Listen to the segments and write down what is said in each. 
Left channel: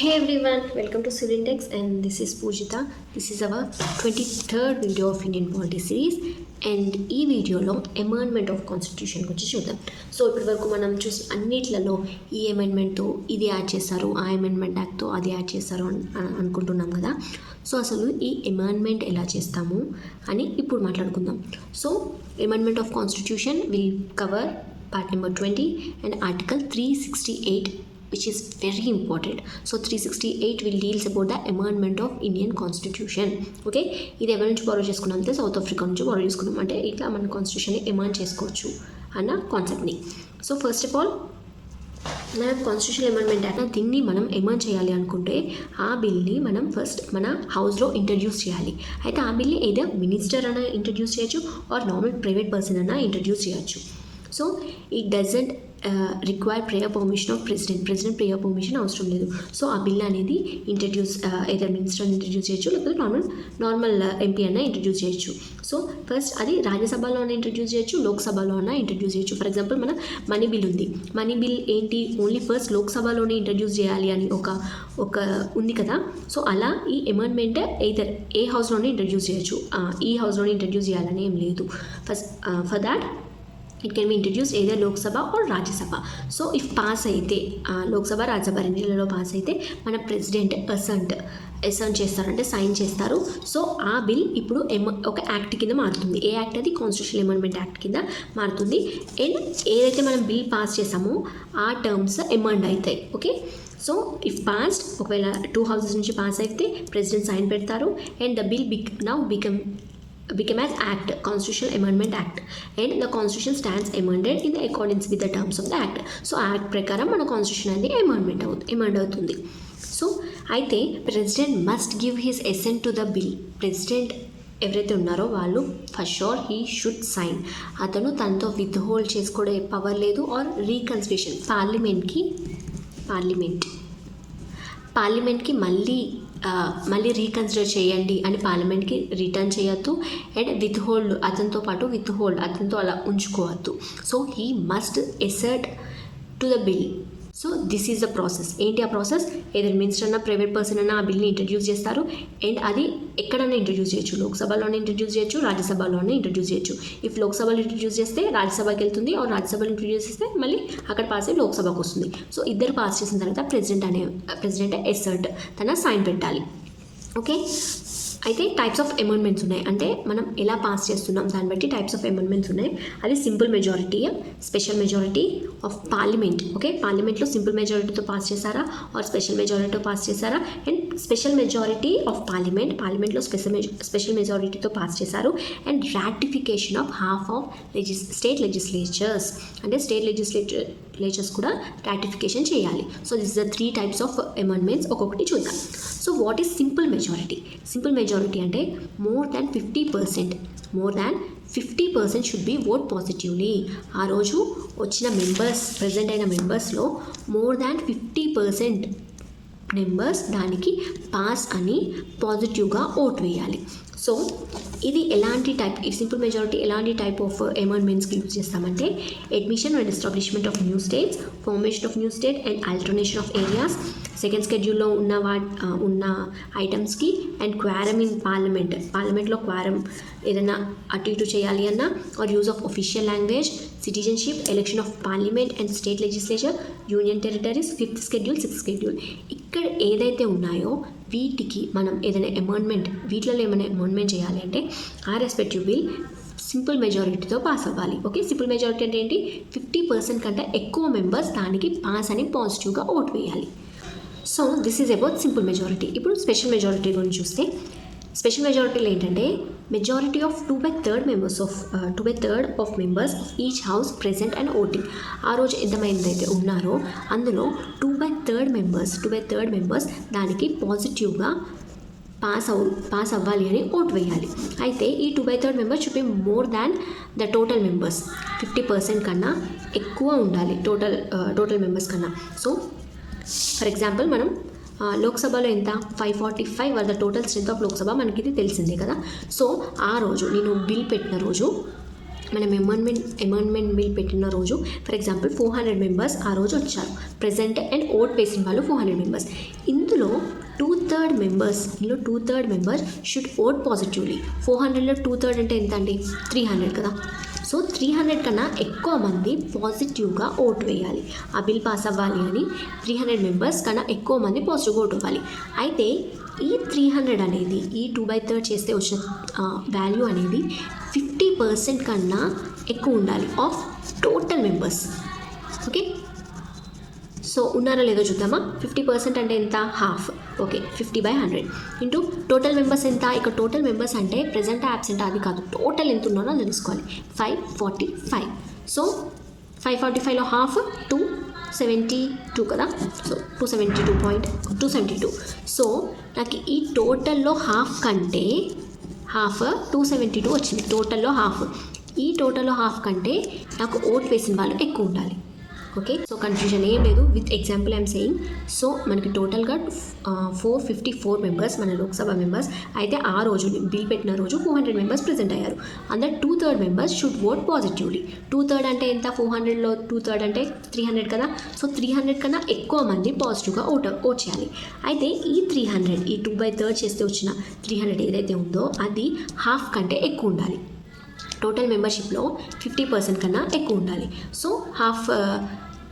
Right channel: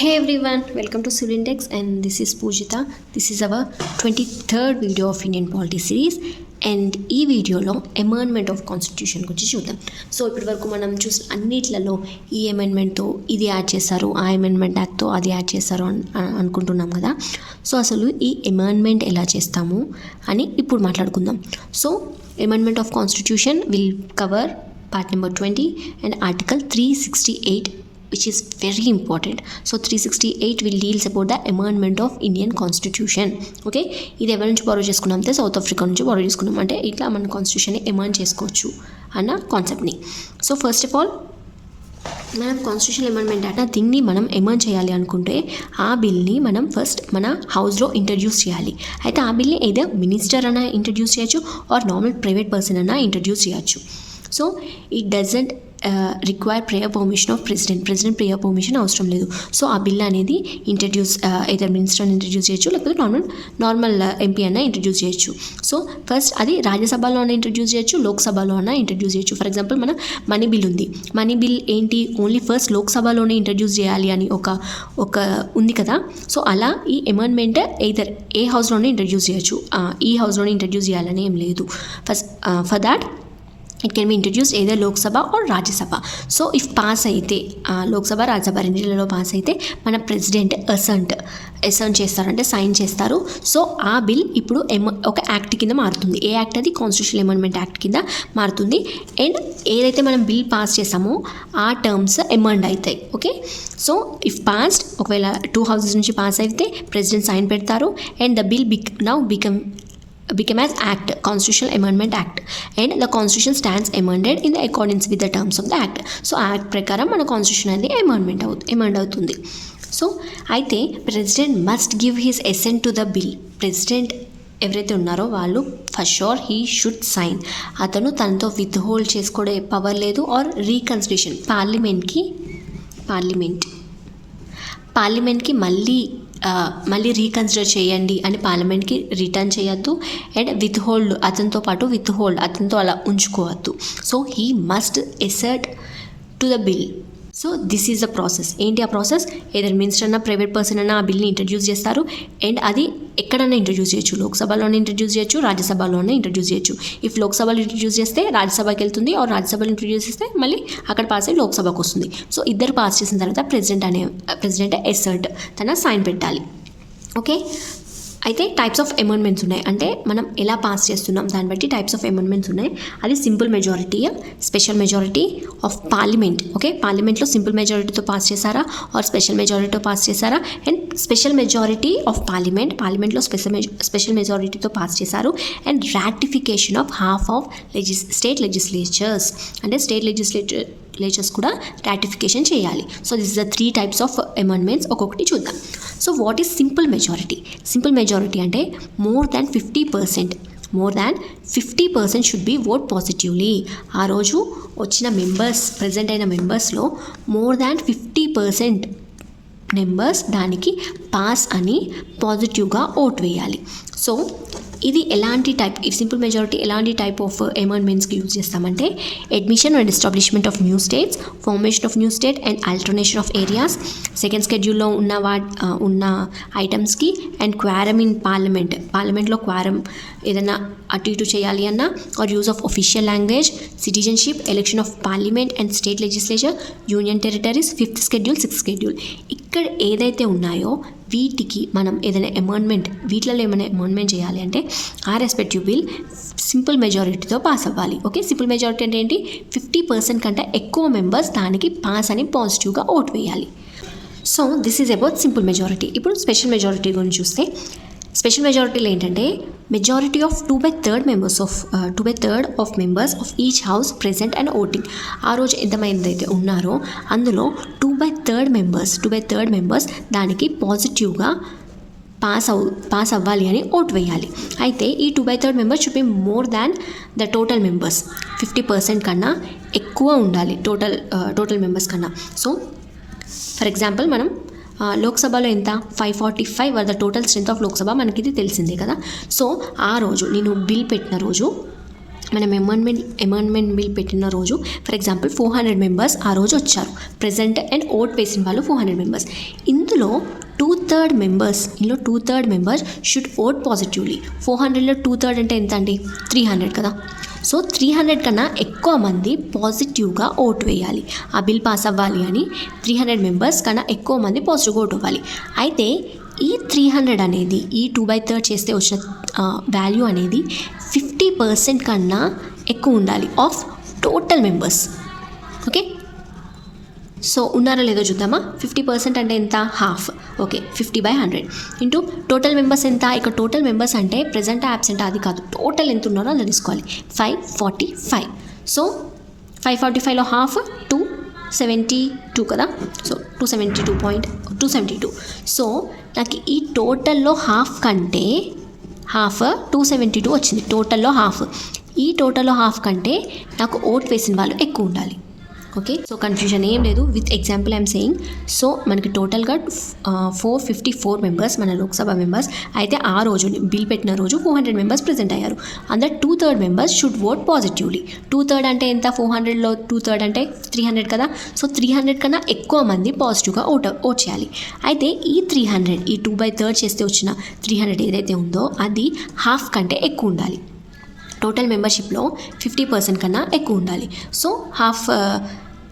Hey everyone, welcome to Civintex and this is Pujita. This is our 23rd video of Indian Polity series and ఈ వీడియోలో amendment of constitution గురించి చూద్దాం. So ఇప్పటి వరకు మనం చూసిన అన్నిట్లలో ఈ అమెండ్మెంట్తో ఇది యాడ్ చేశారు, ఆ అమెండ్మెంట్ యాక్ట్తో అది యాడ్ చేశారు అనుకుంటున్నాం కదా. సో అసలు ఈ అమెండ్మెంట్ ఎలా చేస్తాము అని ఇప్పుడు మాట్లాడుకుందాం. So amendment of constitution will cover part number 20 and article 368 which is very important. So 368 will deals about the amendment of Indian Constitution. Okay, ఇది ఎవరి నుంచి బారో చేసుకున్నాం అంటే సౌత్ ఆఫ్రికా నుంచి బారో చేసుకున్నాం. అంటే ఇట్లా మన కాన్స్టిట్యూషన్ని ఎమెండ్ చేసుకోవచ్చు అన్న కాన్సెప్ట్ని. సో ఫస్ట్ ఆఫ్ ఆల్ మనం కాన్స్టిట్యూషన్ అమెండ్మెంట్ అంటే దీన్ని మనం ఎమెండ్ చేయాలి అనుకుంటే ఆ బిల్ని మనం ఫస్ట్ మన హౌస్లో ఇంట్రడ్యూస్ చేయాలి. అయితే ఆ బిల్ని ఏదో మినిస్టర్ అన్నా ఇంట్రడ్యూస్ చేయొచ్చు ఆర్ నార్మల్ ప్రైవేట్ పర్సన్ అన్నా ఇంట్రడ్యూస్ చేయొచ్చు. So it doesn't require prayer permission of president prayer permission అవసరం లేదు. సో ఆ బిల్ అనేది ఇంట్రడ్యూస్ ఏదర్ మినిస్టర్ ఇంట్రడ్యూస్ చేయొచ్చు లేకపోతే నార్మల్ ఎంపీ అన్న ఇంట్రడ్యూస్ చేయొచ్చు. సో ఫస్ట్ అది రాజ్యసభలో అన్న ఇంట్రడ్యూస్ చేయొచ్చు, లోక్సభలో అన్న ఇంట్రడ్యూస్ చేయొచ్చు. ఫర్ ఎగ్జాంపుల్ మన మనీ బిల్ ఉంది. మనీ బిల్ ఏంటి, ఓన్లీ ఫస్ట్ లోక్సభలోనే ఇంట్రడ్యూస్ చేయాలి అని ఒక ఉంది కదా. సో అలా ఈ అమెండ్మెంట్ ఎయిదర్ ఏ హౌస్లోనే ఇంట్రడ్యూస్ చేయొచ్చు, ఈ హౌస్లోనే ఇంట్రడ్యూస్ చేయాలని ఏం లేదు. For that it can be introduce either Lok Sabha are Rajya Sabha. So if pass అయితే లోక్సభ రాజ్యసభ రెండింటిలో పాస్ అయితే మన ప్రెసిడెంట్ అసెంట్ చేస్తారంటే సైన్ చేస్తారు. సో ఆ బిల్ ఇప్పుడు ఒక యాక్ట్ కింద మారుతుంది. ఏ యాక్ట్ అది? కాన్స్టిట్యూషన్ అమెండ్మెంట్ యాక్ట్ కింద మారుతుంది. అండ్ ఏదైతే మనం బిల్ పాస్ చేసామో ఆ టర్మ్స్ అమెండ్ అవుతాయి. ఓకే, సో ఇఫ్ పాస్డ్ ఒకవేళ 2 houses నుంచి పాస్ అయితే ప్రెసిడెంట్ సైన్ పెడతారు and the bill became as act, constitutional amendment act, and the constitution stands amended in the accordance with the terms of the act. So act ప్రకారం మన constitution అనేది amend అవుతుంది. So అయితే president must give his assent to the bill. President ఎవరైతే ఉన్నారో వాళ్ళు for sure he should sign. అతను తనతో విత్ హోల్డ్ చేసుకోవడే పవర్ లేదు. ఆర్ రీకన్సిడరేషన్ పార్లమెంట్కి మళ్ళీ రీకన్సిడర్ చేయండి అని పార్లమెంట్కి రిటర్న్ చేయొద్దు. అండ్ అతనితో అలా ఉంచుకోవద్దు. So he must assert to the bill. So this is the process. ఏంటి ఆ ప్రాసెస్? ఏదైనా మినిస్టర్ అన్న ప్రైవేట్ పర్సన్ అన్న ఆ బిల్ని ఇంట్రడ్యూస్ చేస్తారు. అండ్ అది ఎక్కడన్నా ఇంట్రడ్యూస్ చేయొచ్చు, లోక్సభలోనే ఇంట్రడ్యూస్ చేయొచ్చు, రాజ్యసభలోనే ఇంట్రడ్యూస్ చేయొచ్చు. ఇఫ్ లోక్సభలో ఇంట్రడ్యూస్ చేస్తే రాజ్యసభకి వెళ్తుంది, ఆర్ రాజ్యసభలో ఇంట్రడ్యూస్ చేస్తే మళ్ళీ అక్కడ పాస్ అయ్యి లోక్సభకు వస్తుంది. సో ఇద్దరు పాస్ చేసిన తర్వాత ప్రెసిడెంట్ అసర్ట్ తన సైన్ పెట్టాలి. ఓకే, అయితే టైప్స్ ఆఫ్ అమెండ్మెంట్స్ ఉన్నాయి. అంటే మనం ఎలా పాస్ చేస్తున్నాం దాన్ని బట్టి టైప్స్ ఆఫ్ అమెండ్మెంట్స్ ఉన్నాయి. అది simple majority, special majority of parliament. Okay, పార్లమెంట్లో సింపుల్ మెజారిటీతో పాస్ చేశారా ఆర్ స్పెషల్ మెజారిటీతో పాస్ చేశారా. అండ్ స్పెషల్ మెజారిటీ ఆఫ్ పార్లమెంట్లో స్పెషల్ మెజారిటీతో పాస్ చేశారు. And ratification of half of state legislatures, అంటే స్టేట్ లెజిస్లేచర్స్ కూడా రాటిఫికేషన్ చేయాలి. So this is the 3 types of amendments. ఒక్కొక్కటి చూద్దాం. So what is simple majority? Simple majority అంటే more than 50% should be vote positively. ఆ రోజు వచ్చిన ప్రజెంట్ అయిన మెంబర్స్లో మోర్ దాన్ 50% మెంబర్స్ దానికి పాస్ అని పాజిటివ్గా ఓట్ వేయాలి. సో ఇది ఈ సింపుల్ మెజారిటీ ఎలాంటి టైప్ ఆఫ్ అమెండ్మెంట్స్కి యూజ్ చేస్తామంటే admission and establishment of new states, formation of new state and alternation of areas, second స్కెడ్యూల్లో ఉన్న ఐటమ్స్కి, అండ్ క్వారమ్ ఇన్ పార్లమెంట్లో క్వారమ్ ఏదైనా అటు ఇటు చేయాలి అన్నా, or use of official language, citizenship, election of parliament and state legislature, union territories, 5th schedule, 6th schedule. ఇక్కడ ఏదైతే ఉన్నాయో వీటికి మనం ఏదైనా వీటిలో ఏమైనా అమెండ్మెంట్ చేయాలి అంటే ఆ రెస్పెక్టివ్ బిల్ సింపుల్ మెజారిటీతో పాస్ అవ్వాలి. ఓకే, సింపుల్ మెజారిటీ అంటే ఏంటి? 50% కంటే ఎక్కువ మెంబర్స్ దానికి పాస్ అని పాజిటివ్గా ఓట్ వేయాలి. So this is about simple majority. ఇప్పుడు స్పెషల్ మెజారిటీ గురించి చూస్తే స్పెషల్ మెజారిటీలో ఏంటంటే majority of 2/3 of members of each house present and voting. ఆ రోజు ఎంతమంది అయితే ఉన్నారో అందులో 2/3 మెంబర్స్ దానికి పాజిటివ్గా పాస్ అవ్వాలి అని ఓట్ వేయాలి. అయితే ఈ 2/3 members should be more than the total members. 50% కన్నా ఎక్కువ ఉండాలి టోటల్ మెంబర్స్ కన్నా. సో ఫర్ ఎగ్జాంపుల్ మనం లోక్సభలో ఎంత 545 were the total strength of Lok Sabha, మనకి ఇది తెలిసిందే కదా. సో ఆ రోజు నేను బిల్ పెట్టిన రోజు మనం అమెండ్మెంట్ బిల్ పెట్టిన రోజు ఫర్ ఎగ్జాంపుల్ 400 మెంబర్స్ ఆ రోజు వచ్చారు ప్రెజెంట్ అండ్ ఓట్ వేసిన వాళ్ళు 400 మెంబర్స్. ఇందులో 2/3 మెంబర్స్ షుడ్ ఓట్ పాజిటివ్లీ. 400లో 2/3 అంటే ఎంత అండి? 300 కదా. సో 300 కన్నా ఎక్కువ మంది పాజిటివ్గా ఓటు వేయాలి. ఆ బిల్ పాస్ అవ్వాలి అని 300 మెంబర్స్ కన్నా ఎక్కువ మంది పాజిటివ్గా ఓటు అవ్వాలి. అయితే ఈ 300 అనేది ఈ 2/3 చేస్తే వచ్చిన వాల్యూ అనేది 50% కన్నా ఎక్కువ ఉండాలి of total members. Okay, so ఉన్నారో లేదో చూద్దామా. 50% అంటే ఎంత? Half. Okay, 50/100 into total members ఎంత? ఇక్కడ టోటల్ మెంబర్స్ అంటే ప్రెజెంట్ యాబ్సెంట్ అది కాదు, టోటల్ ఎంత ఉన్నారో అది తీసుకోవాలి. 545. సో 545లో హాఫ్ 272 కదా. సో 272. సో నాకు ఈ టోటల్లో హాఫ్ కంటే 272 వచ్చింది. టోటల్లో హాఫ్. ఈ టోటల్లో హాఫ్ కంటే నాకు ఓట్ వేసిన వాళ్ళు ఎక్కువ ఉండాలి. ఓకే, సో కన్ఫ్యూజన్ ఏం లేదు. With example I'm saying. So మనకి టోటల్గా 454 మెంబర్స్ మన లోక్సభ మెంబర్స్ అయితే ఆ రోజు బిల్ పెట్టిన రోజు 400 మెంబర్స్ ప్రెజెంట్ అయ్యారు. అందులో 2/3 మెంబర్స్ షుడ్ ఓట్ పాజిటివ్లీ. 2/3 అంటే ఎంత? 400లో 2/3 అంటే 300 కదా. సో 300 కన్నా ఎక్కువ మంది పాజిటివ్గా ఓట్ చేయాలి. అయితే ఈ 300 ఈ 2/3 చేస్తే వచ్చిన 300 ఏదైతే ఉందో అది హాఫ్ కంటే ఎక్కువ ఉండాలి. టోటల్ మెంబర్షిప్లో 50% కన్నా ఎక్కువ ఉండాలి. సో హాఫ్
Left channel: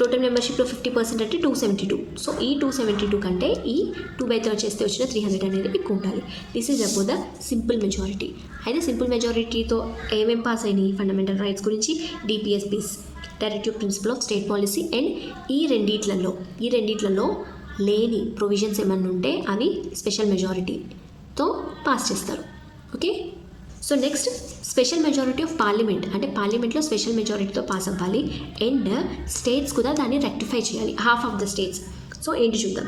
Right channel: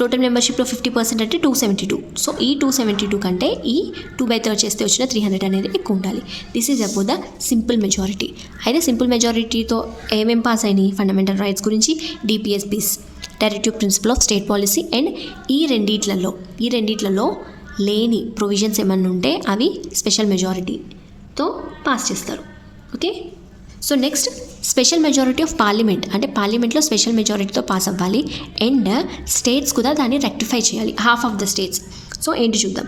టోటల్ మెంబర్షిప్లో 50% అంటే 272. సో ఈ 272 కంటే ఈ 2/3 చేస్తే వచ్చిన 300 అనేది ఎక్కువ ఉండాలి. This is about the simple majority. అయితే సింపుల్ మెజారిటీతో ఏమేం పాస్ అయినాయి? ఫండమెంటల్ రైట్స్ గురించి, DPSPs, directive principle of state policy, and ఈ రెండిట్లలో లేని ప్రొవిజన్స్ ఏమన్నా ఉంటే అవి స్పెషల్ మెజారిటీతో పాస్ చేస్తారు. Okay, so next special majority of parliament. అంటే పార్లమెంట్లో స్పెషల్ మెజారిటీతో పాస్ అవ్వాలి అండ్ స్టేట్స్ కూడా దాన్ని రెక్టిఫై చేయాలి, half of the states. So ఏంటి చూద్దాం.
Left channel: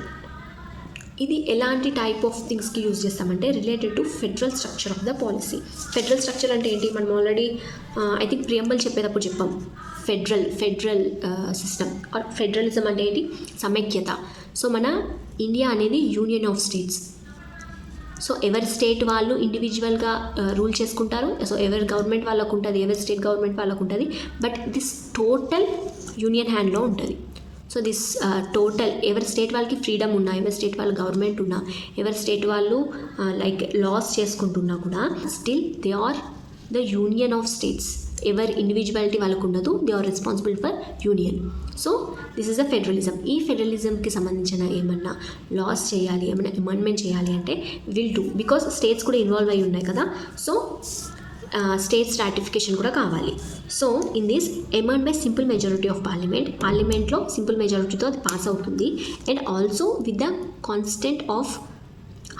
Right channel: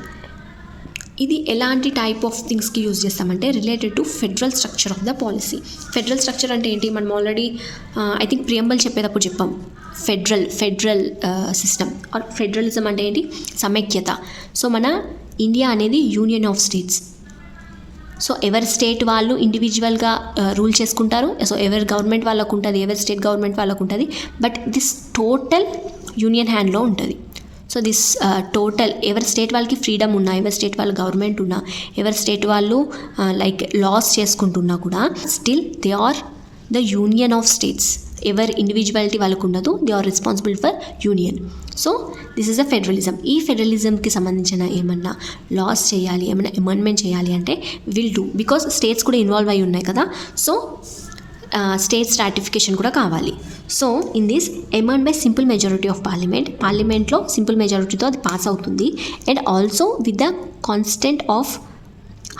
ఇది ఎలాంటి టైప్ ఆఫ్ థింగ్స్కి యూజ్ చేస్తామంటే related to federal structure of the policy. Federal structure అంటే ఏంటి? మనం ఆల్రెడీ ఐ థింక్ ప్రియంబల్ చెప్పేటప్పుడు చెప్పాం. ఫెడరల్ సిస్టమ్ ఆర్ ఫెడరలిజం అంటే ఏంటి? సమైక్యత. సో మన ఇండియా అనేది యూనియన్ ఆఫ్ స్టేట్స్. సో ఎవరి స్టేట్ వాళ్ళు ఇండివిజువల్గా రూల్ చేసుకుంటారు. సో ఎవరి గవర్నమెంట్ వాళ్ళకు ఉంటుంది, ఎవరి స్టేట్ గవర్నమెంట్ వాళ్ళకు ఉంటుంది. బట్ దిస్ టోటల్ యూనియన్ హ్యాండ్లో ఉంటుంది. సో దిస్ టోటల్ ఎవరి స్టేట్ వాళ్ళకి ఫ్రీడమ్ ఉన్నా, ఎవరి స్టేట్ వాళ్ళ గవర్నమెంట్ ఉన్నా, ఎవరి స్టేట్ వాళ్ళు లైక్ లాస్ చేసుకుంటున్నా కూడా still they are the union of states. ఎవరి ఇండివిజువాలిటీ వాళ్ళకు ఉండదు. They are responsible for union. So this is a federalism. ఈ ఫెడరలిజంకి సంబంధించిన ఏమన్నా లాస్ చేయాలి, ఏమైనా అమెండ్మెంట్ చేయాలి అంటే విల్ డూ. బికాస్ స్టేట్స్ కూడా ఇన్వాల్వ్ అయి ఉన్నాయి కదా. సో స్టేట్స్ రాటిఫికేషన్ కూడా కావాలి. So in this amend by simple majority ఆఫ్ పార్లమెంట్లో సింపుల్ మెజారిటీతో అది పాస్ అవుతుంది. And also with the constant of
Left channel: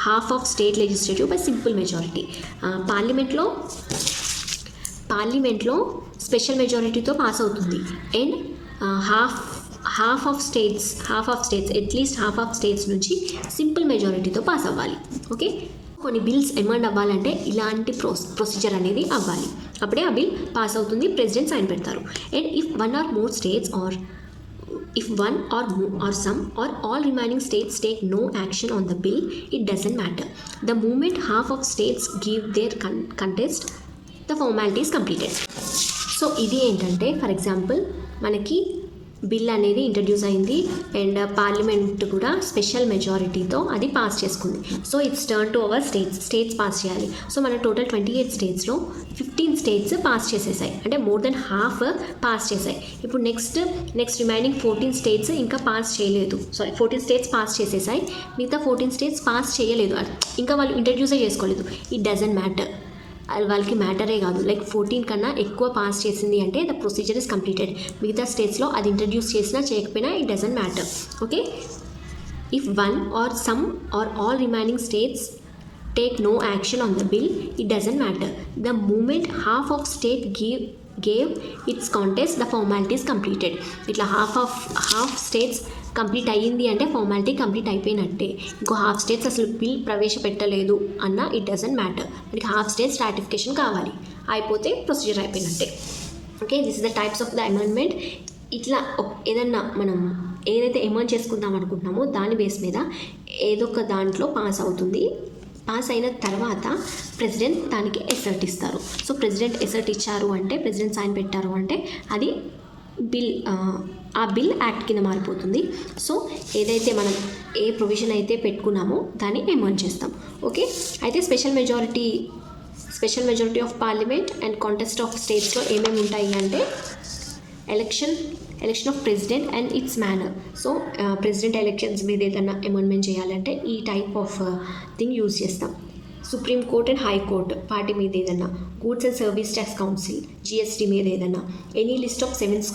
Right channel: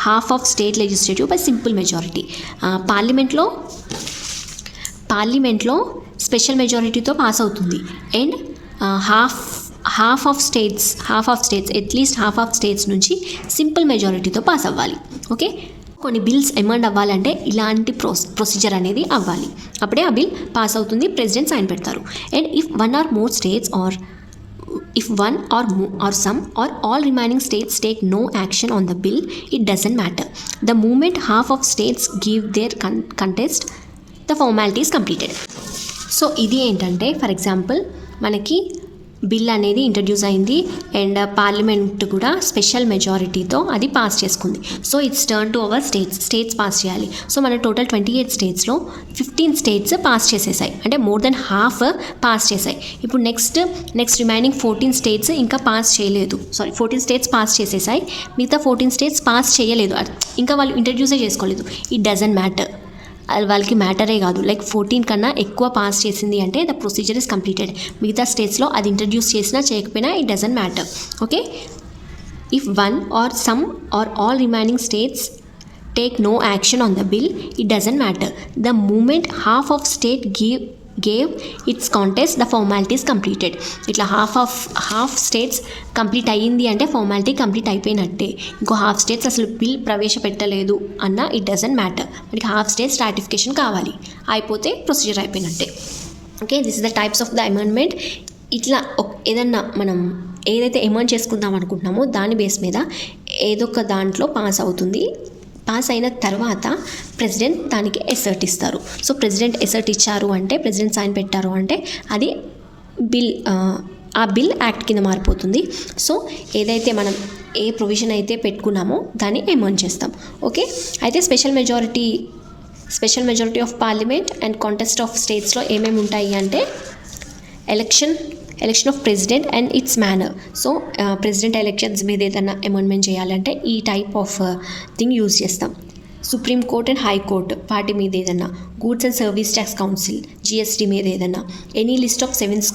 half of state legislative by simple majority. పార్లమెంట్లో స్పెషల్ మెజారిటీతో పాస్ అవుతుంది. And half of states at least half of states నుంచి simple మెజారిటీతో పాస్ అవ్వాలి. ఓకే, కొన్ని బిల్స్ అమెండ్ అవ్వాలంటే ఇలాంటి ప్రొసీజర్ అనేది అవ్వాలి. అప్పుడే ఆ బిల్ పాస్ అవుతుంది, ప్రెసిడెంట్ సైన్ పెడతారు. And if one or more states are if one or some or all remaining states take no action on the bill, it doesn't matter. The moment half of states give their contest, the formality is completed. So ఇది ఏంటంటే for example మనకి bill అనేది introduce అయింది and parliament కూడా special మెజారిటీతో అది pass చేసుకుంది. So it's turn to our states pass చేయాలి. సో మన టోటల్ 28 స్టేట్స్లో 15 స్టేట్స్ పాస్ చేసేసాయి, అంటే మోర్ దెన్ హాఫ్ పాస్ చేసాయి. ఇప్పుడు నెక్స్ట్ రిమైనింగ్ 14 స్టేట్స్ ఇంకా పాస్ చేయలేదు. 14 స్టేట్స్ పాస్ చేసేసాయి, మిగతా 14 స్టేట్స్ పాస్ చేయలేదు, ఇంకా వాళ్ళు ఇంట్రడ్యూసే చేసుకోలేదు. It doesn't matter. వాళ్ళకి మ్యాటరే కాదు, లైక్ 14 కన్నా ఎక్కువ పాస్ చేసింది అంటే ద ప్రొసీజర్ ఇస్ కంప్లీటెడ్. మిగతా స్టేట్స్లో అది ఇంట్రడ్యూస్ చేసినా చేయకపోయినా it doesn't matter. Okay, if one or some or all remaining states take no action on the bill, it doesn't matter. The moment half of state gave its contest, the formality is completed. ఇట్లా half states complete అయ్యింది అంటే formality complete అయిపోయినట్టే. ఇంకో half states అసలు bill ప్రవేశపెట్టలేదు అన్న it doesn't matter. మనకి half states ratification కావాలి, అయిపోతే ప్రొసీజర్ అయిపోయినట్టే. Okay, this is the types of the amendment. ఇట్లా ఏదన్నా మనం ఏదైతే అమెండ్ చేసుకుందాం అనుకుంటున్నామో దాని బేస్ మీద ఏదో ఒక దాంట్లో పాస్ అవుతుంది పాస్ అయిన తర్వాత ప్రెసిడెంట్ దానికి ఎసర్ట్ ఇస్తారు. సో ప్రెసిడెంట్ ఎసర్ట్ ఇచ్చారు అంటే, ప్రెసిడెంట్ సైన్ పెట్టారు అంటే అది బిల్, ఆ బిల్ యాక్ట్ కింద మారిపోతుంది. సో ఏదైతే మనం ఏ ప్రొవిజన్ అయితే పెట్టుకున్నామో దాన్ని అమెండ్ చేస్తాం. ఓకే, అయితే special majority of parliament and contest of స్టేట్స్లో ఏమేమి ఉంటాయి అంటే election of president and it's manner. So president elections మీద ఏదైనా అమెండ్మెంట్ చేయాలంటే ఈ టైప్ ఆఫ్ థింగ్ యూజ్ చేస్తాం. సుప్రీం కోర్ట్ అండ్ హైకోర్టు వాటి మీద ఏదైనా, goods and service tax council GST మీద ఏదైనా, ఎనీ లిస్ట్ ఆఫ్ 7th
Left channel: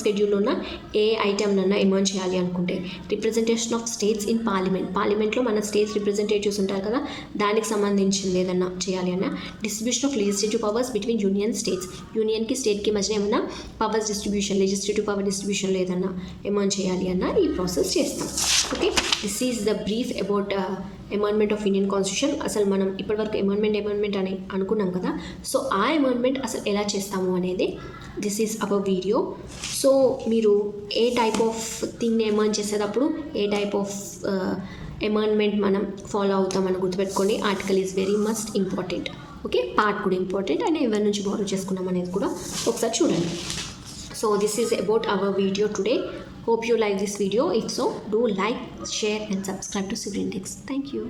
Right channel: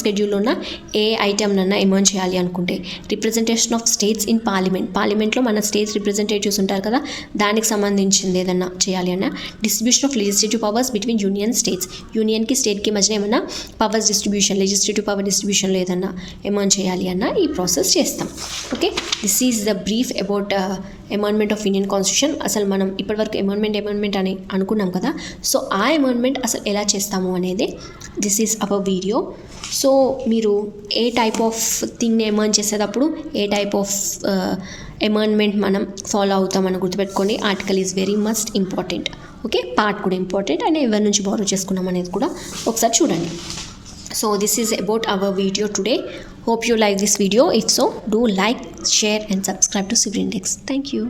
షెడ్యూల్లో ఉన్న ఏ ఐటమ్నన్నా అమెండ్ చేయాలి అనుకుంటే, రిప్రజెంటేషన్ ఆఫ్ స్టేట్స్ ఇన్ పార్లమెంట్లో మన స్టేట్స్ రిప్రజెంటేటివ్స్ ఉంటారు కదా, దానికి సంబంధించింది ఏదన్నా చేయాలి అన్న, distribution of legislative powers between union states, యూనియన్కి స్టేట్కి మధ్యన ఏమన్నా పవర్స్ డిస్ట్రిబ్యూషన్, లెజిస్లేటివ్ పవర్ డిస్ట్రిబ్యూషన్లో ఏదన్నా అమెండ్ చేయాలి అన్న ఈ ప్రాసెస్ చేస్తాం. Okay, this is the brief about amendment of Indian constitution. అసలు మనం ఇప్పటివరకు అమెండ్మెంట్ అని అనుకున్నాం కదా, సో ఆ అమెండ్మెంట్ అసలు ఎలా చేస్తాము అనేది this is our video. So మీరు ఏ టైప్ ఆఫ్ థింగ్ని అమెండ్ చేసేటప్పుడు ఏ టైప్ ఆఫ్ అమెండ్మెంట్ మనం ఫాలో అవుతామని గుర్తుపెట్టుకోండి. Article is very must important. Okay, part కూడా ఇంపార్టెంట్ అండ్ ఎవరి నుంచి బారో చేసుకున్నాం అనేది కూడా ఒకసారి చూడండి. So this is about our video today. Hope you like this video. If so, do like, share and subscribe to Civil Index. Thank you.